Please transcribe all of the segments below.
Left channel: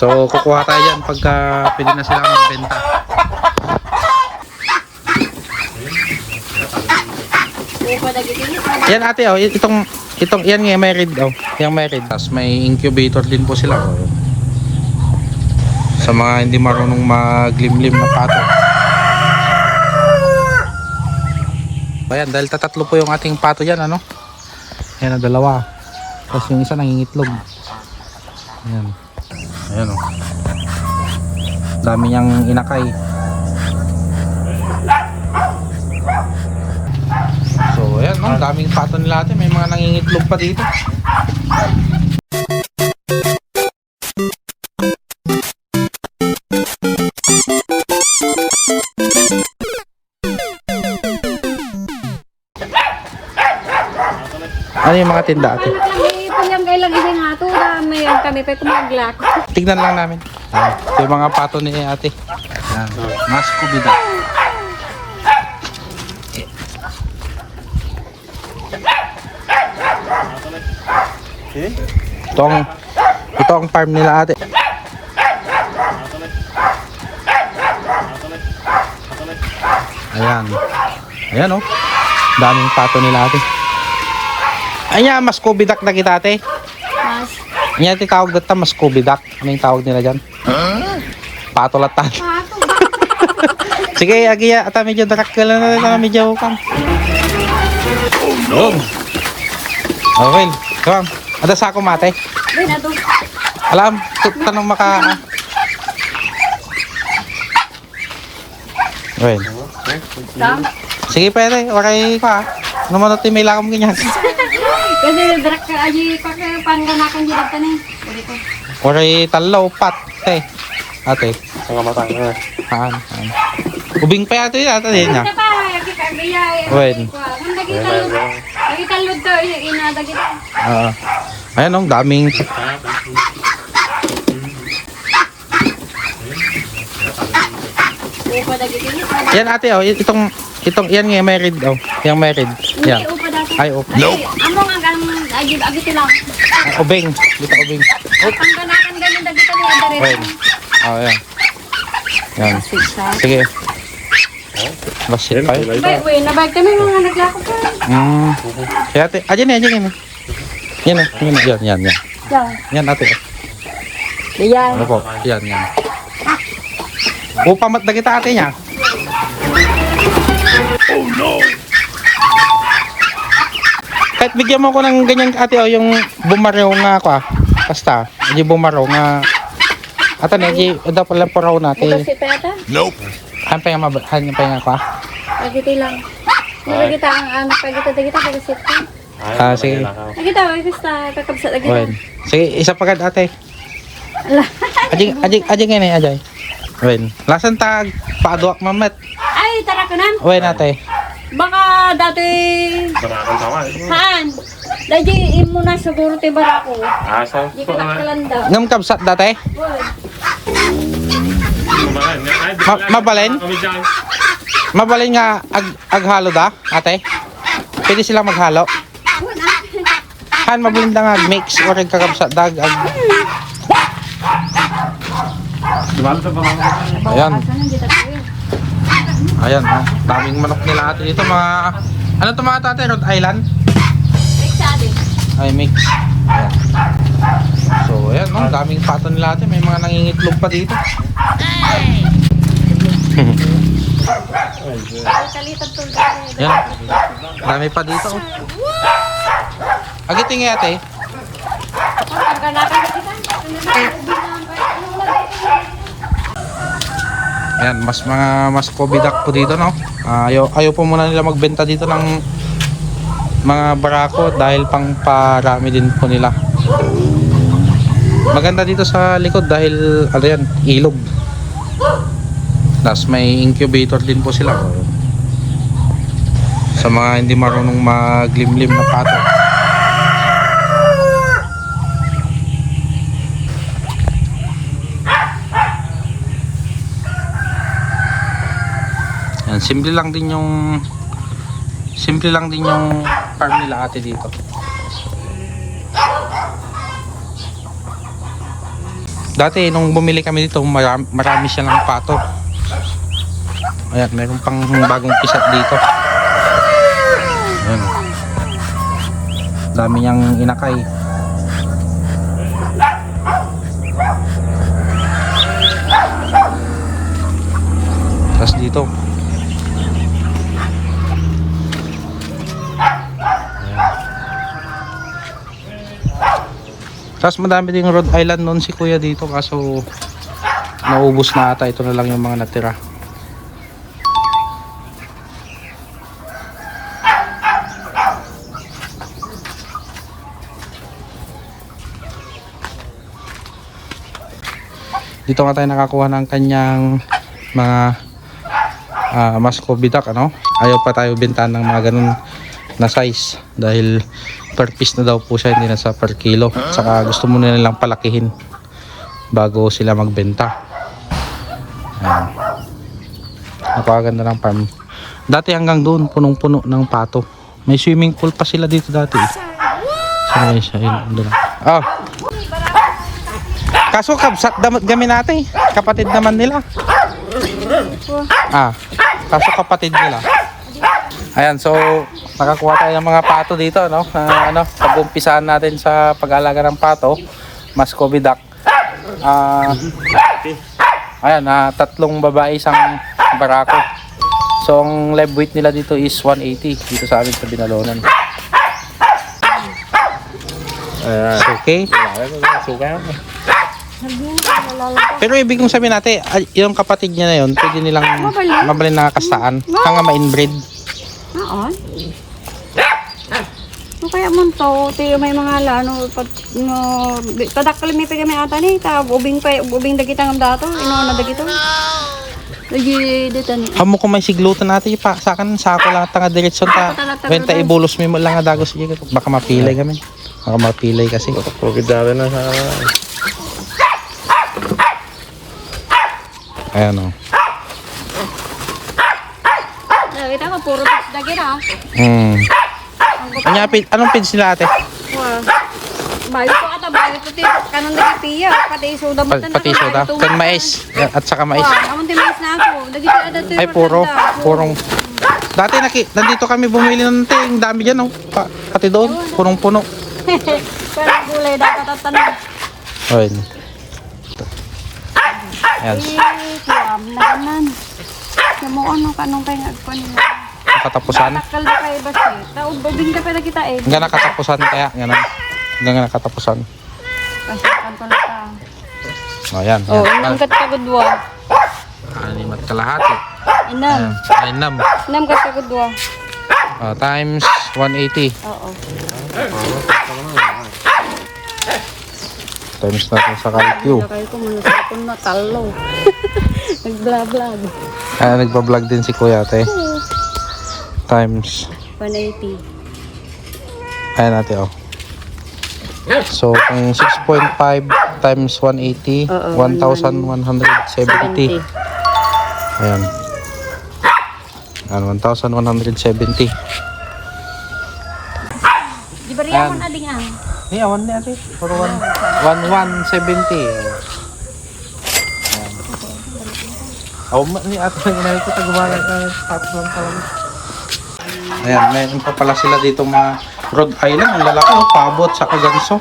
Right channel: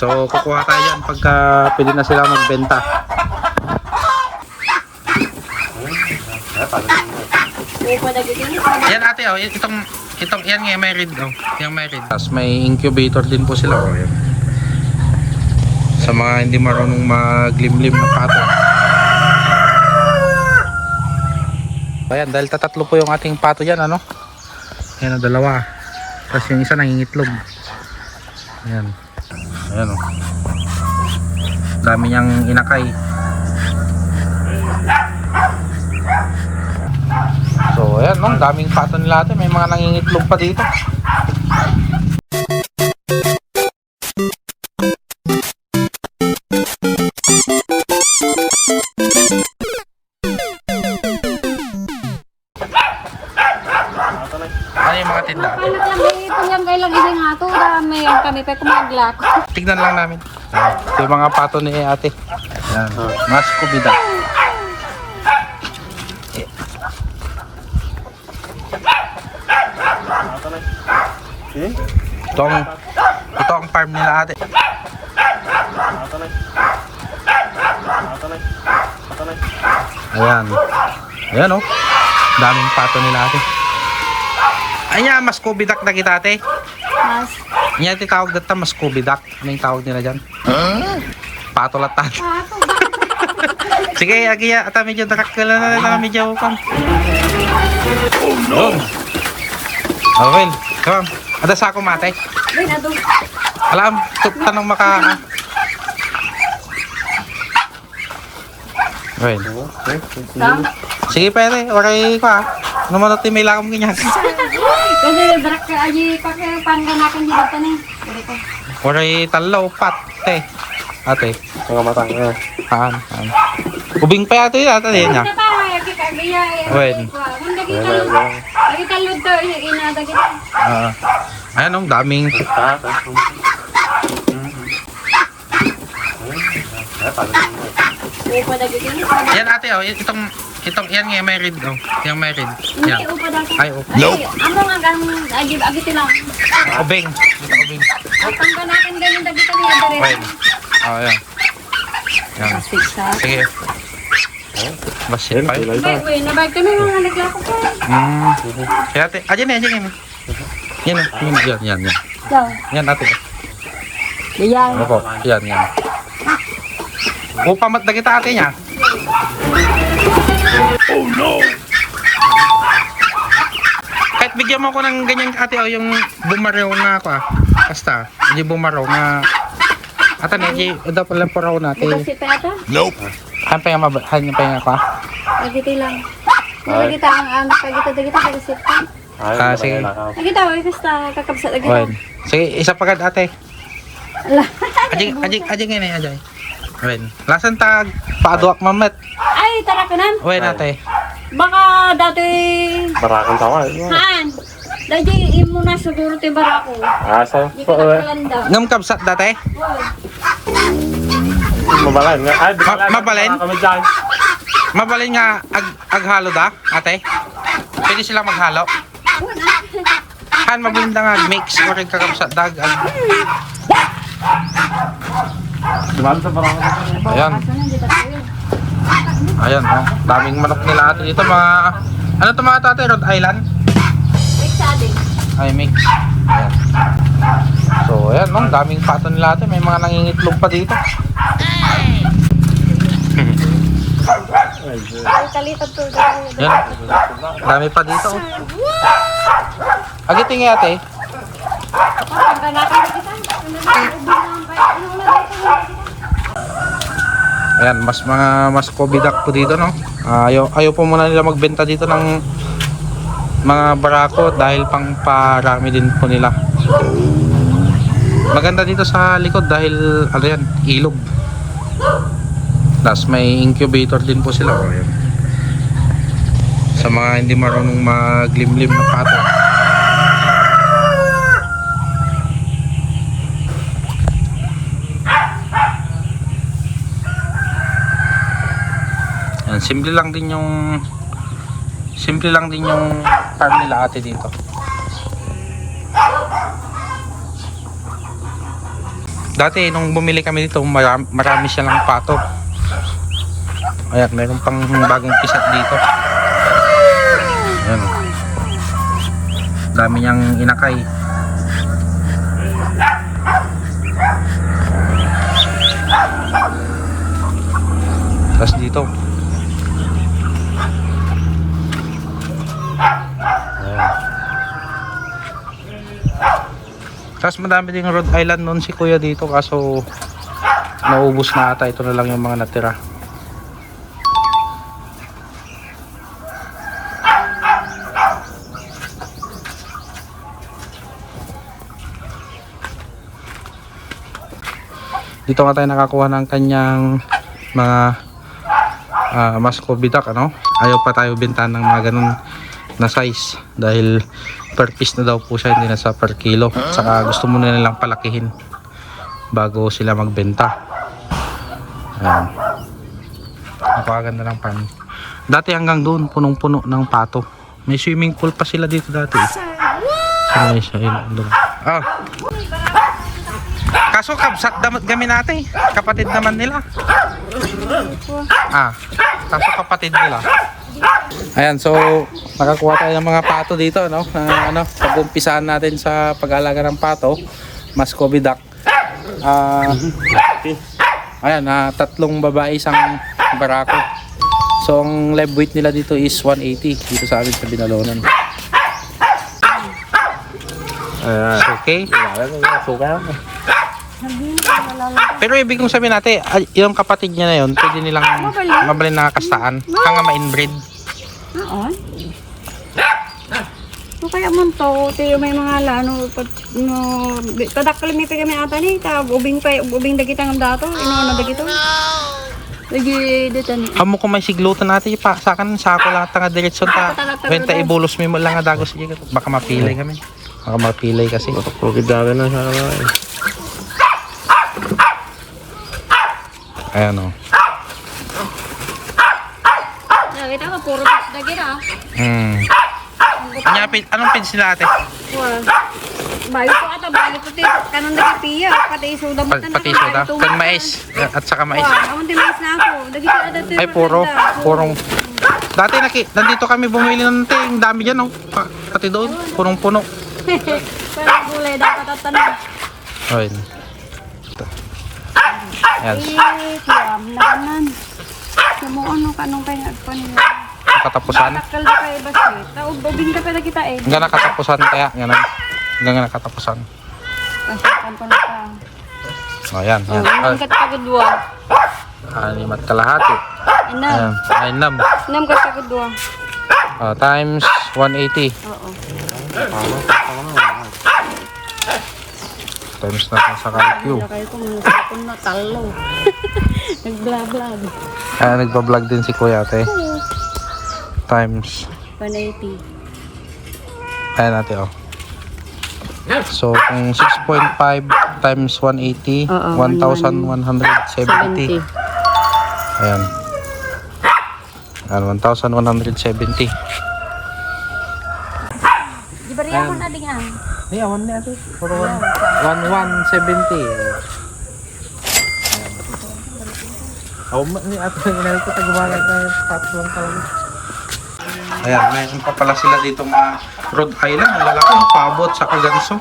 So kukuha tayo dyan pagka pwede na sila magbenta. Yan ate, oh, itong yan nga may red, oh. Yung may red. Tapos may incubator din po sila, oh. Yan. Sa mga hindi marunong maglimlim na pato. Ayan, dahil tatatlo po yung ating pato dyan, ano? Ayan, oh, dalawa. Tapos yung isa nangingitlog. Ayan. Ayan, oh. Dami niyang inakay. So ayan, no, daming pato nila ate, may mga nangingitlog pa dito. Ano yung mga tinda ate? Punyang kailang ibang hato, may ang kami pa kumaglak. Tignan lang namin. Ito yung mga pato ni ate. Ayan, mas kubida. Ito ang farm nila ate. Ayan. Ayan, oh. Daming pato nila ate. Ayan, mas kubidak na kita ate. Mas. Ayan, tawag dito mas kubidak. Ano yung tawag nila dyan? Patolatan. Pato. Sige, agiya. Ata medyo darak ka lang na medyo kan. Oh no. Okay. Come. Ada sa ako mate. Alam, tanong maka. Right. Sige pwede, okay ko ah. Naman natin may lakam ganyan. Kasi darak ka aji pakai pangganakan di data nih. Okay, talo, pat, te. Ate. Mga matang. Haan. Ubing pa yata yun ata din niya. Wen. Kita lud to inada kita. Ayan ang daming. Upa dagi ini. Yan ate oh, itong yan nga may red oh. Yang may red. Yan. Upa dagi. Ay oh. Nope. Amo nga gang agi lang. Ubing. Dito ubing. Pangganakan ganin dagi ta niya dere. Wen. Oh yan. Yan. Sige. Basit pa yun. Wait, nabag kami mga naglako pa. Kaya ate, ayan yan. Yan o, yan. Yan ate. Yan. Opo, yan. Upamat na kita ate niya. Oh no! Kahit bigyan mo ko ng ganyan ate o, yung bumaraw nga ako ah. Basta, yung bumaraw nga. Ata na, daw pala po raw natin. Bukas kita ata? Nope! Han pa nga ako ah. Pagiti lang. Hindi kita ang pagita pagasit ka. Sige. Kita basta kakabsat lagi. Wen. Sige, isa pa kad ate. Ala. Ajay ngayon eh, ajay. Wen. Lasan tag paaduak mamet. Ay, tara ka nan. Wen ate. Baka dati Barakang tawa. Han. Dati imo na siguro te barako. Asa? Di ka nakalanda. Ngam kabsat date? Mabalan. Mabalin? Kami dyan. Mabalin nga aghalo da, ate. Pwede sila maghalo. Han mabalin da nga mix or kakabsat dag ag. Diba sa barangay? Ayan. Ayan, oh. Daming manok nila ate dito, mga ano to mga ate, Rhode Island? Ay, mix. Ayan. So, ayan, no? Daming pato nila ate. May mga nangingitlog pa dito. Ayan. Dami pa dito, oh. Agiting ate. Ayan, mas kobidak po dito, no? Ayaw po muna nila magbenta dito ng mga barako dahil pang parami din po nila. Maganda dito sa likod dahil ano yan, ilog. Tapos may incubator din po sila, oh, yan. Sa mga hindi marunong maglimlim na pato. Yan, simple lang din yung farm nila ate dito. Dati nung bumili kami dito, marami silang pato. Ayan, meron pang bagong pisat dito. Ayan. Dami niyang inakay. Tapos dito. Ayan. Tapos madami ding Rhode Island noon si kuya dito, kaso naubos na ata. Ito na lang yung mga natira. Dito nga tayo nakakuha ng kanyang mga Muscovy duck, ano? Ayaw pa tayo bintahan ng mga ganun na size dahil per piece na daw po siya, hindi na sa per kilo. Saka gusto muna nilang palakihin bago sila magbenta. Ayan, napakaganda ng farm. Dati hanggang doon punong-puno ng pato. May swimming pool pa sila dito dati. Ay, kaso kabsat gamin natin, kapatid naman nila. Kaso kapatid nila. Ayan, so nakakuha tayo ng mga pato dito, no? Pag-umpisahan natin sa pag-alaga ng pato, Muscovy duck. Ayan, 3 babae, 1 barako. So ang live weight nila dito is 180 dito sa amin sa Binalonan. Okay. Pero ibig kong sabihin natin, yung kapatid niya na yun, pwede nilang mabalin na kastaan. Kaya ma-inbreed. Oo. No kaya man to, may mga lano pag no tadakkel mi pagami ata ni ta ubing dagita ngam dato, na dagito. Lagi dito ni. Amo ko may siglutan natin pa sa kan sa ako lang tanga direksyon ta. Renta ibulos mi mo lang nga dagos sige baka mapilay kami. Baka mapilay kasi. Pagkidara na sa... Ayan o. Kita ko puro dagito. Anong page nila ate? Wow. Bayo ko ata bayo ko ti kanang nagipiya pati soda mo tan. Pati soda. Kan mais at saka mais. Wow, amon ti mais na ako. Dagito ada ti. Ay purong. Dati nandito kami bumili ng ting, dami diyan oh. Pati doon, punong-puno. Parang gulay dapat tatanong. Ayun. Ayan. Kuwam na kanan. Namo ano kanong kay nagpa nila. Nakatapusan. Takal da kay basi. Ubing ka pala kita eh. Hanggang nakatapusan kaya. Hanggang nakatapusan. Kasi kampo na ta. Ayan. Oh, ingkat ka gudwa. 6 at kalahati. Inam. Ayan. 9. Inam ka gudwa. Times 180. Oo. Times natin sa calcu. Kaya ko manusapon na talo. Nag-vlog. Nagpa-vlog din si kuya ate. Times 180. ayan natin oh. So kung 6.5 times 180, 1,170. Ayan. Ayan, 1,170. Di ba riyan mo na ding ang? Yeah, 1 na ate. Puro 1,170. Ni ate ng inay kita gumala ka tapos lang talaga. Ayan, meron pa pala sila dito mga Rhode Island, ang lalaki, pabo at saka ganso.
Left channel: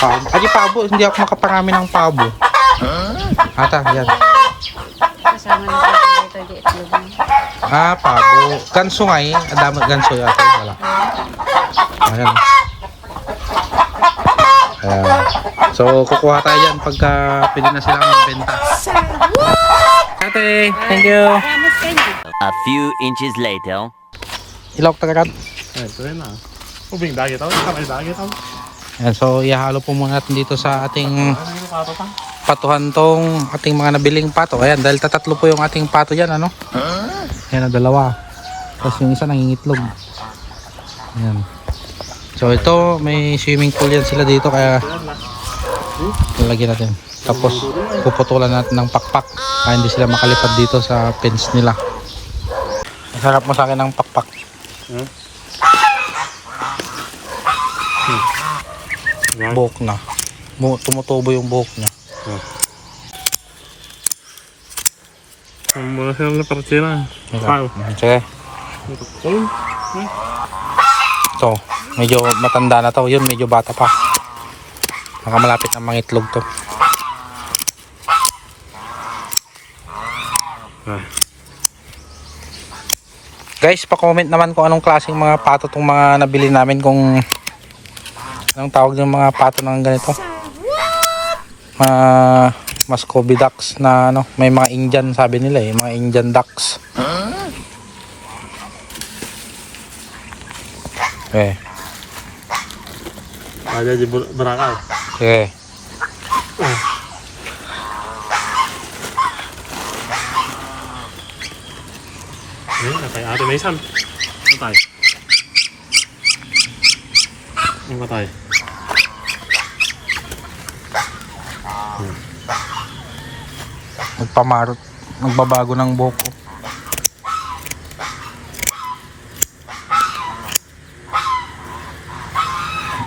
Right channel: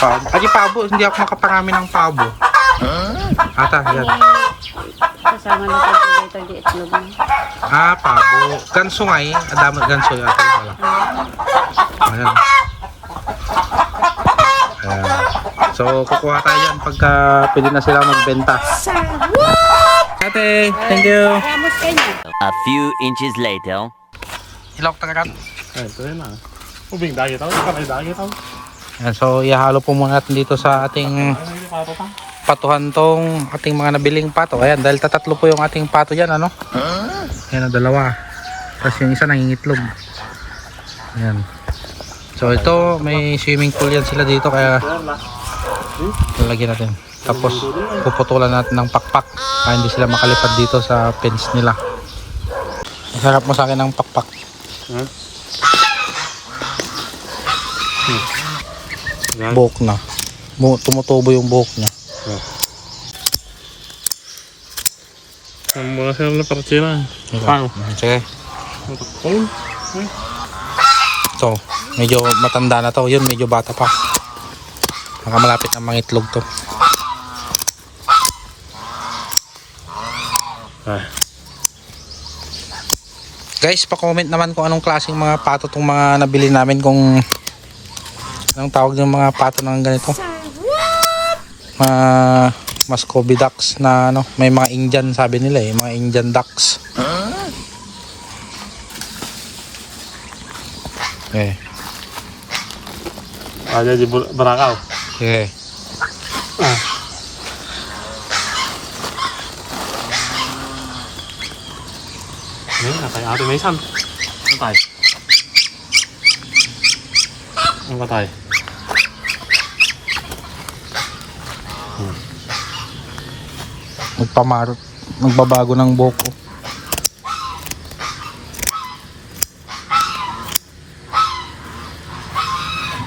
Pabo. Adi pabo, hindi ako makaparami ng pabo. Ata, yan. Kasama na sa tagi itlog. Pabo. Ganso nga eh. Adama ganso yata. Wala. Ayan. Ayan. So, kukuha tayo dyan pagka pwede na sila magbenta. Ate, thank you. A few inches later. Ilok tagaran. Ito rin na. Ubing dagit ako. Kamay dagit ako. Ayan, so ihalo po muna natin dito sa ating patuhan tong ating mga nabiling pato. Ayan, dahil tatatlo po yung ating pato dyan, ano? Ayan, 2. Tapos yung isa nangingitlog. Ayan. So ito, may swimming pool yan sila dito, kaya lalagyan natin. Tapos puputulan natin ng pakpak para hindi sila makalipad dito sa fence nila. Masarap mo sa akin ng pakpak. Buhok na. Tumutubo yung buhok niya. Muna sila na partsina. Pang. Sige. Pang. Ito, medyo matanda na to. Yun, medyo bata pa. Nakamalapit na mangitlog to. Guys, pa-comment naman kung anong klaseng mga pato tong mga nabili namin, kung anong tawag ng mga pato ng ganito. Mga Muscovy ducks na ano, may mga Indian sabi nila mga Indian ducks. Okay. Aja di Barakaw. Okay. Natay ate may isang. Natay. Ang patay. Nagpamarot, nagbabago ng buhok ko.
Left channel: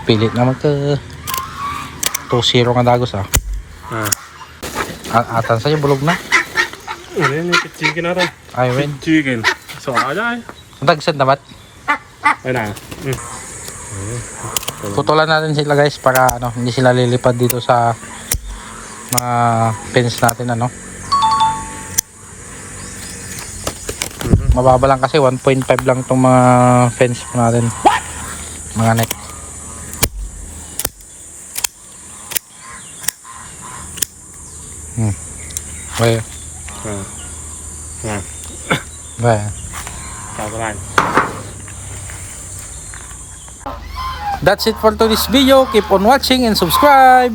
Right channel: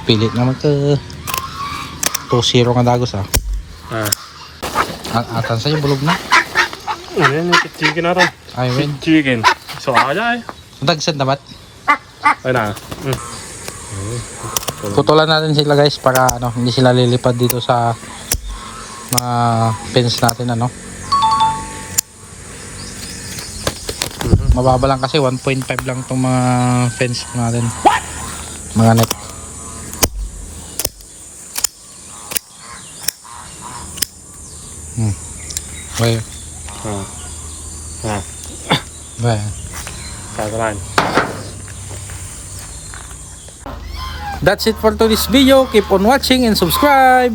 Pilit na magka 2-0 nga dagos Atan sa'yo, bulog na. Ano yung chicken na rin? Ay, win. Chicken. So, aja eh. Dagsan naman. Ay na. Putulan natin sila guys para ano, hindi sila lilipad dito sa mga fence natin ano. Mababa lang kasi 1.5 lang tong mga fence natin. Mga net. Well. Well. That's it for today's video. Keep on watching and subscribe.